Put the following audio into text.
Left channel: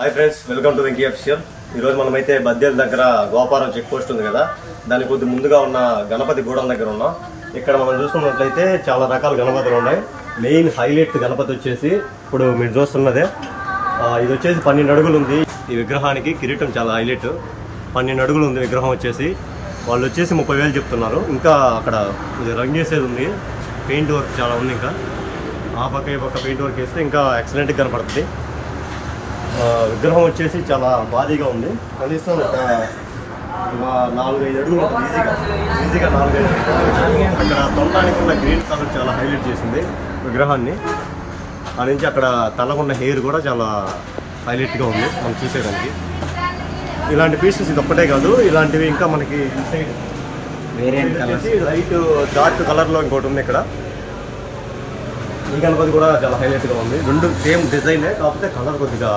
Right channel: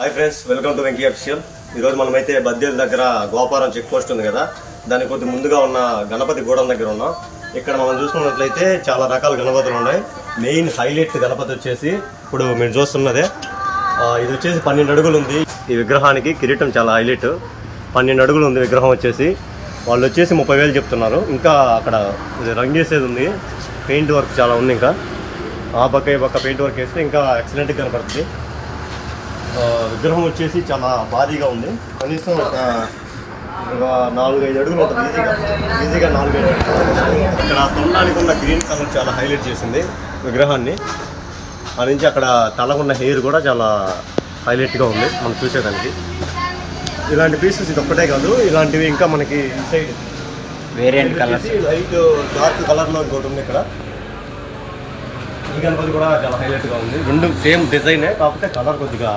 Hi friends, welcome to Venky official. ఈరోజు మనమైతే బద్దేల దగ్గర గోపారం చెక్ పోస్ట్ ఉంది కదా, దానికి కొద్ది ముందుగా ఉన్న గణపతి గూడెం దగ్గర ఉన్నాం. ఇక్కడ మనం చూసుకున్నట్లయితే చాలా రకాల గణపతులు ఉన్నాయి. మెయిన్ హైలైట్ గణపతి వచ్చేసి ఇప్పుడు మీరు చూస్తున్నదే. ఇది వచ్చేసి 12 అడుగులు ఉంది. ఈ విగ్రహానికి కిరీటం చాలా హైలైట్. 12 అడుగులు ఉంది విగ్రహం వచ్చేసి. వాళ్ళు వచ్చేసి 30,000 చెప్తున్నారు. ఇంకా అక్కడ రంగు వేసేది ఉంది, పెయింట్ వర్క్ చాలా ఉంది. ఇంకా ఆ పక్క ఈ పక్క పెయింట్ వర్క్ వేస్తే ఇంకా ఎక్సలెంట్గా కనపడుతుంది. విగ్రహం వచ్చేసి చాలా భారీగా ఉంది. కనీసం ఒక 4-5 అడుగులు ఉంటుంది. ఈజీగా 4-5 అడుగులు. అక్కడ తొండానికి ఉన్న గ్రీన్ కలర్ చాలా హైలైట్ చేసింది విగ్రహాన్ని. ఆ నుంచి అక్కడ తలకున్న హెయిర్ కూడా చాలా హైలైట్గా ఉంది మనం చూసేదానికి. ఇలాంటి పీసెస్ ఇది ఒక్కటే కాదు, ఇలాంటివి ఇంకా మనకి inside variant colours, light dark కలర్లో ఇంకోటి ఉంది. ఇక్కడ ఈ గణపతి కూడా చాలా హైలైట్గా ఉంది. రెండు సేమ్ డిజైనే, కాకపోతే కలర్ కొద్దిగా